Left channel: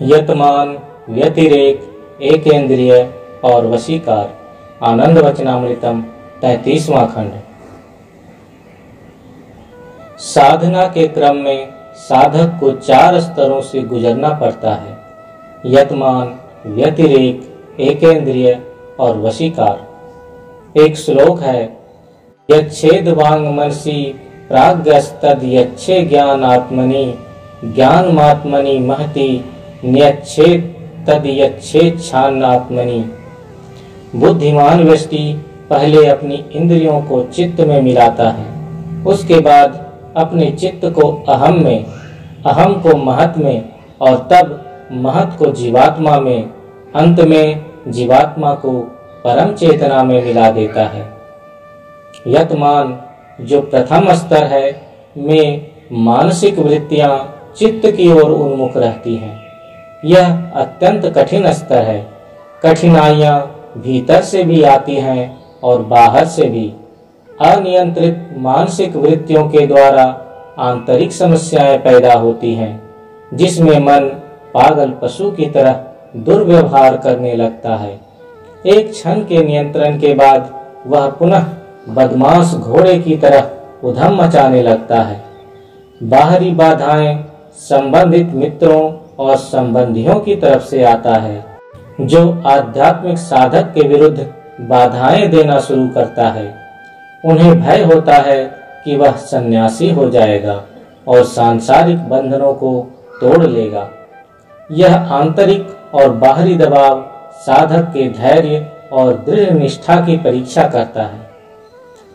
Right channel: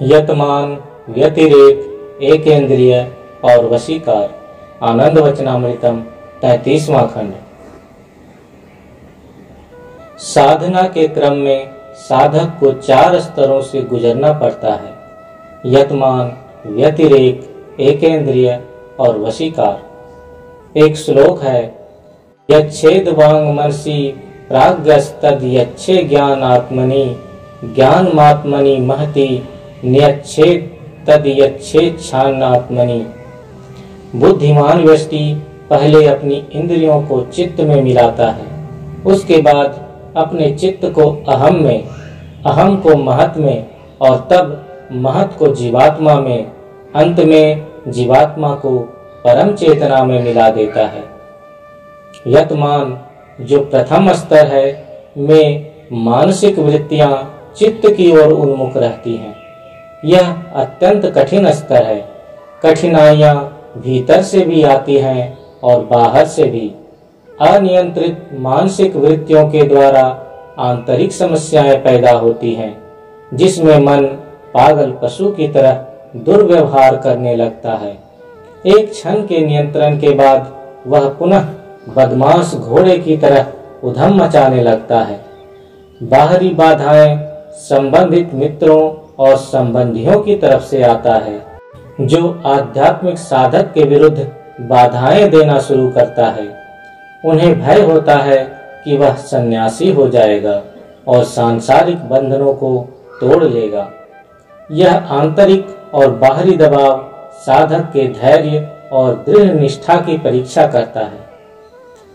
यतमान, व्यतिरेक, एकेंद्रिय और वशीकार। आनंद वचनामृतम 33वां खंड। साधना के क्रम में साधक को 4 स्तरों से गुजरना पड़ता है: यतमान, व्यतिरेक, एकेंद्रिय और वशीकार। एक श्लोक है: यच्छेदवांग मनसी प्राज्ञस्तद यच्छे ज्ञानात्मनि ज्ञानमात्मनि महति नियच्छेद तद यच्छेच्छानात्मनि। बुद्धिमान व्यष्टि पहले अपनी इंद्रियों को चित्त में मिलाता है, उसके बाद अपने चित्त को अहम में, अहम को महत में और तब महत को जीवात्मा में, अंत में जीवात्मा को परम चेतना में मिला देता है। यतमान, जो प्रथम स्तर है, में मानसिक वृत्तियां चित्त की ओर उन्मुख रहती हैं। यह अत्यंत कठिन स्तर है। कठिनाइयां भीतर से भी आती हैं और बाहर से भी। अनियंत्रित मानसिक वृत्तियों के द्वारा आंतरिक समस्याएं पैदा होती हैं, जिसमें मन पागल पशु की तरह दुर्व्यवहार करने लगता है। एक क्षण के नियंत्रण के बाद वह पुनः बदमाश घोड़े की तरह उधम मचाने लगता है। बाहरी बाधाएं संबंधित मित्रों और संबंधियों की तरफ से आता है, जो आध्यात्मिक साधक के विरुद्ध बाधाएं देना शुरू करता है। उन्हें भय होता है कि वह सन्यासी हो जाएगा और सांसारिक बंधनों को तोड़ लेगा। यह आंतरिक और बाहरी दबाव साधक के धैर्य और दृढ़ निष्ठा की परीक्षा करता है।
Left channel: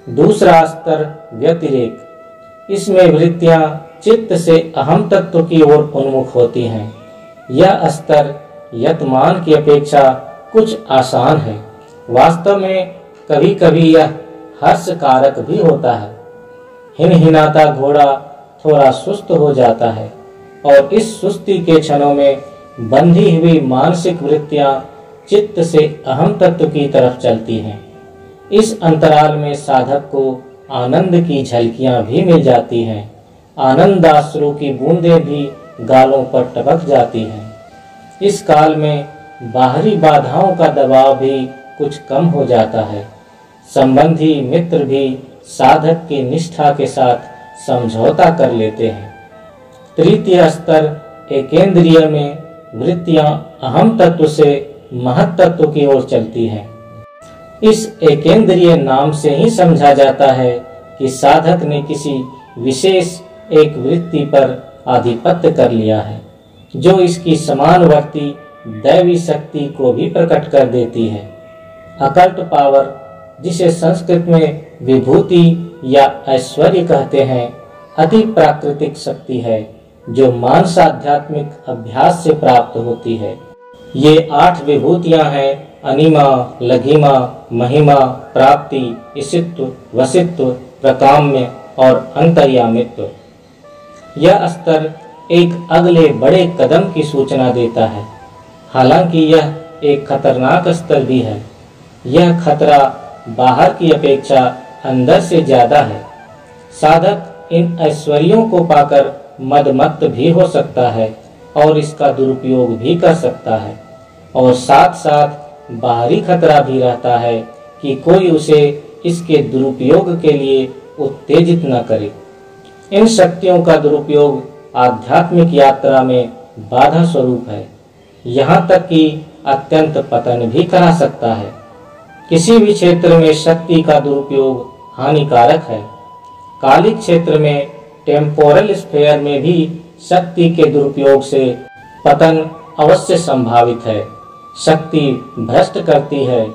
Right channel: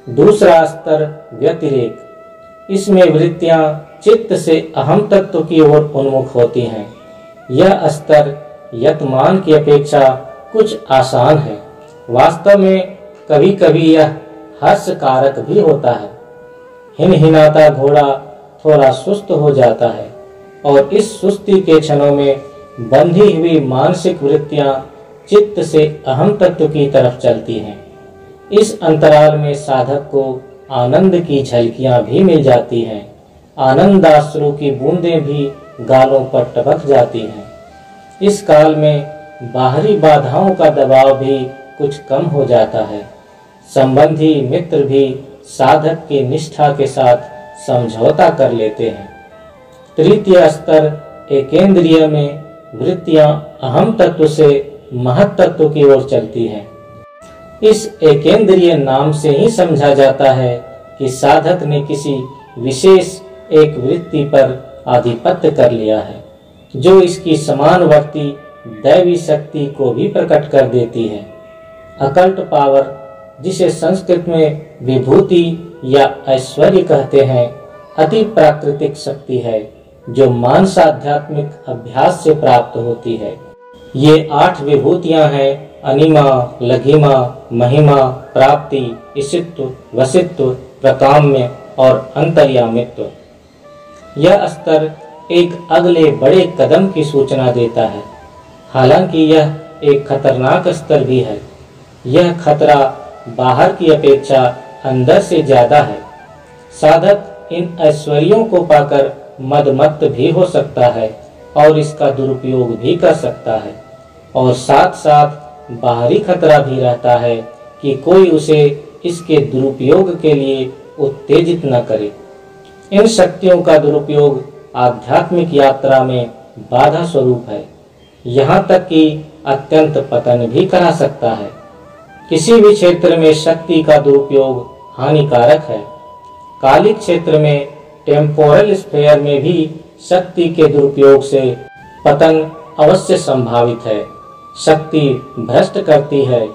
दूसरा स्तर व्यतिरेक। इसमें वृत्तियां चित्त से अहम तत्व की ओर उन्मुख होती हैं। यह स्तर यतमान की अपेक्षा कुछ आसान है। वास्तव में कभी कभी यह हर्ष कारक भी होता है। हिनहिनाता घोड़ा थोड़ा सुस्त हो जाता है और इस सुस्ती के क्षणों में बंधी हुई मानसिक वृत्तियां चित्त से अहम तत्व की तरफ चलती हैं। इस अंतराल में साधक को आनंद की झलकियां भी मिल जाती हैं। आनंदाश्रु की बूंदें भी गालों पर टपक जाती हैं। इस काल में बाहरी बाधाओं का दबाव भी कुछ कम हो जाता है। संबंधी मित्र भी साधक की निष्ठा के साथ समझौता कर लेते हैं। तृतीय स्तर एकेंद्रिय में वृत्तियां अहम तत्व से महत तत्व की ओर चलती हैं। इस एकेंद्रिय नाम से ही समझा जाता है कि साधक ने किसी विशेष एक वृत्ति पर आधिपत्य कर लिया है, जो इसकी समानवर्ती दैवी शक्ति को भी प्रकट कर देती है। अकल्ट पावर, जिसे संस्कृत में विभूति या ऐश्वर्य कहते हैं, अति प्राकृतिक शक्ति है जो मानसाध्यात्मिक अभ्यास से प्राप्त होती है। ये 8 विभूतियां हैं: अनिमा, लघिमा, महिमा, प्राप्ति, ईशित्व, वशित्व, प्रकाम्य और अंतर्यामित्व। यह स्तर एक अगले बड़े कदम की सूचना देता है। हालांकि यह एक खतरनाक स्तर भी है। यह खतरा बाहर की अपेक्षा अंदर से ज्यादा है। साधक इन ऐश्वर्यों को पाकर मदमत्त भी हो सकता है और इसका दुरुपयोग भी कर सकता है, और साथ साथ बाहरी खतरा भी रहता है कि कोई उसे इसके दुरुपयोग के लिए उत्तेजित न करे। इन शक्तियों का दुरुपयोग आध्यात्मिक यात्रा में बाधा स्वरूप है, यहाँ तक कि अत्यंत पतन भी करा सकता है। किसी भी क्षेत्र में शक्ति का दुरुपयोग हानिकारक है। कालिक क्षेत्र में, टेम्पोरल स्फेयर में भी शक्ति के दुरुपयोग से पतन अवश्य संभावित है। शक्ति भ्रष्ट करती है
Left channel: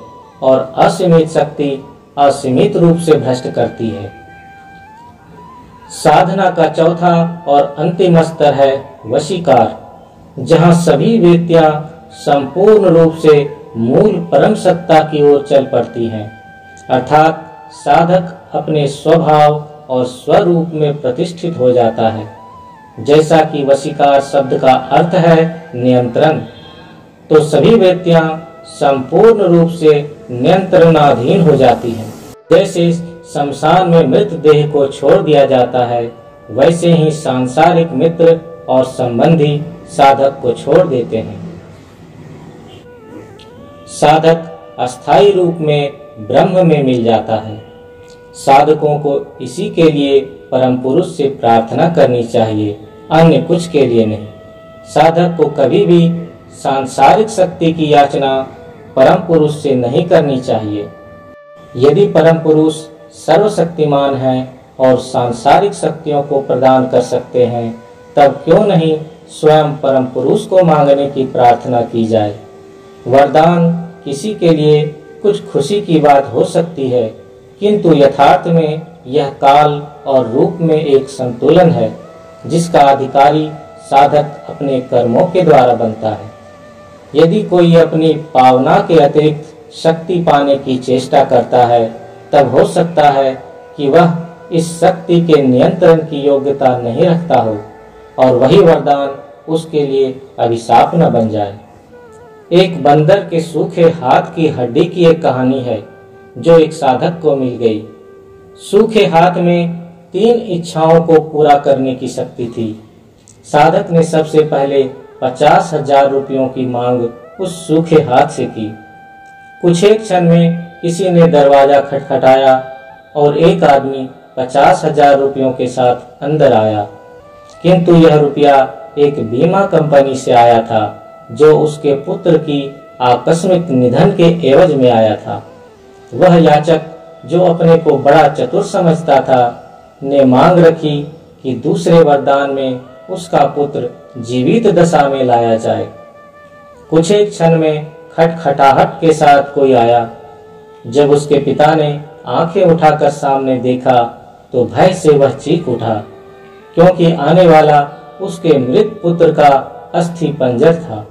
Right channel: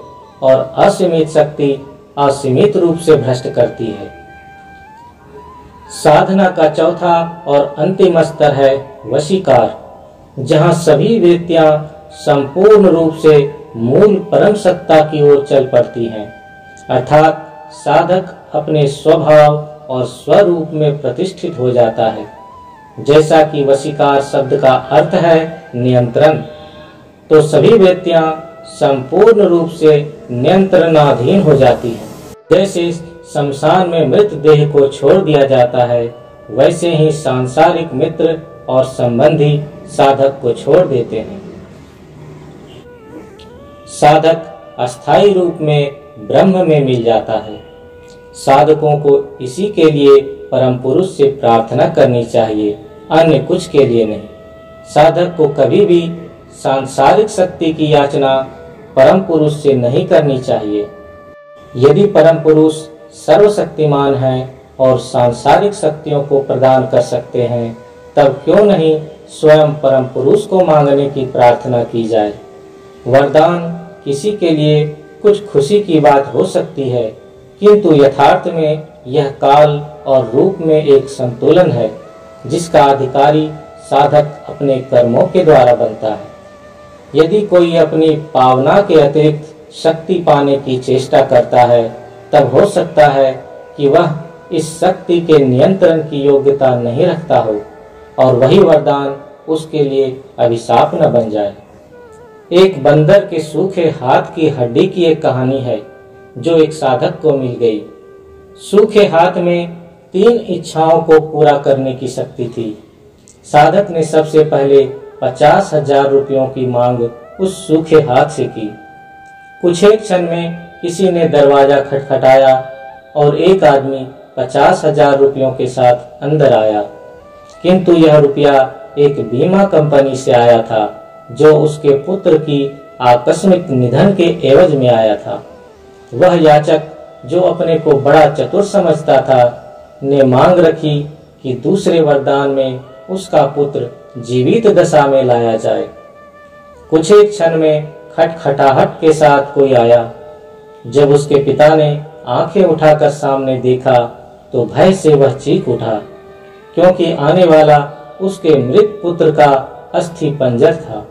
और असीमित शक्ति असीमित रूप से भ्रष्ट करती है। साधना का चौथा और अंतिम स्तर है वशीकार, जहाँ सभी वृत्तियां संपूर्ण रूप से मूल परम सत्ता की ओर चल पड़ती हैं, अर्थात साधक अपने स्वभाव और स्वरूप में प्रतिष्ठित हो जाता है। जैसा कि वशीकार शब्द का अर्थ है नियंत्रण, तो सभी वृत्तियां संपूर्ण रूप से नियंत्रणाधीन हो जाती हैं। जैसे शमशान में मृत देह को छोड़ दिया जाता है, वैसे ही सांसारिक मित्र और संबंधी साधक को छोड़ देते हैं। साधक अस्थायी रूप में ब्रह्म में मिल जाता है। साधकों को इसी के लिए परम पुरुष से प्रार्थना करनी चाहिए, अन्य कुछ के लिए नहीं। साधक को कभी भी सांसारिक शक्ति की याचना परम पुरुष से नहीं करनी चाहिए। यदि परम पुरुष सर्वशक्तिमान हैं और सांसारिक शक्तियों को प्रदान कर सकते हैं, तब क्यों नहीं स्वयं परम पुरुष को मांगने की प्रार्थना की जाए। वरदान किसी के लिए कुछ खुशी की बात हो सकती है, किंतु यथार्थ में यह काल और रूप में एक संतुलन है जिसका अधिकारी साधक अपने कर्मों के द्वारा बनता है। यदि कोई अपनी पावना के अतिरिक्त शक्ति पाने की चेष्टा करता है, तब हो सकता है कि वह इस शक्ति के नियंत्रण की योग्यता नहीं रखता हो और वही वरदान उसके लिए अभिशाप न बन जाए। एक बंदर के सूखे हाथ की हड्डी की एक कहानी है जो एक साधक को मिल गई। सूखे हाथ में 3 इच्छाओं को पूरा करने की शक्ति थी। साधक ने सबसे पहले 50,000 रुपयों की मांग उस सूखे हाथ से की। कुछ एक क्षण में किसी ने दरवाजा खटखटाया और एक आदमी 50,000 रुपयों के साथ अंदर आया, किंतु यह रुपया एक बीमा कंपनी से आया था जो उसके पुत्र की आकस्मिक निधन के एवज में आया था। वह याचक, जो अपने को बड़ा चतुर समझता था, ने मांग रखी कि दूसरे वरदान में उसका पुत्र जीवित दशा में लाया जाए। कुछ एक क्षण में खटखटाहट के साथ कोई आया। जब उसके पिता ने आंखें उठाकर सामने देखा तो भय से वह चीख उठा, क्योंकि आने वाला उसके मृत पुत्र का अस्थि पंजर था।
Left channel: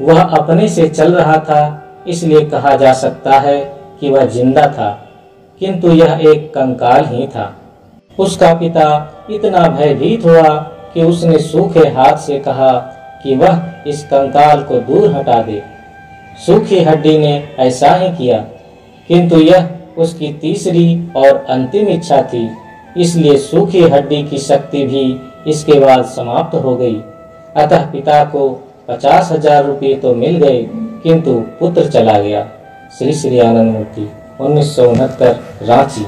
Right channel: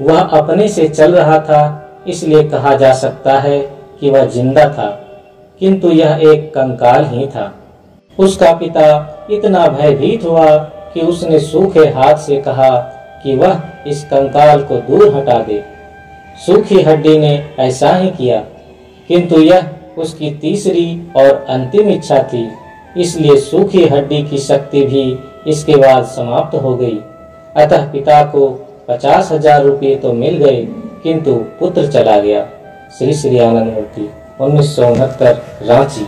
वह अपने से चल रहा था, इसलिए कहा जा सकता है कि वह जिंदा था, किंतु यह एक कंकाल ही था। उसका पिता इतना भयभीत हुआ कि उसने सूखे हाथ से कहा कि वह इस कंकाल को दूर हटा दे। सूखी हड्डी ने ऐसा ही किया, किंतु यह उसकी तीसरी और अंतिम इच्छा थी, इसलिए सूखी हड्डी की शक्ति भी इसके बाद समाप्त हो गई। अतः पिता को 50,000 रुपये तो मिल गए, किंतु पुत्र चला गया। श्री श्री आनंद मूर्ति, 1969, रांची।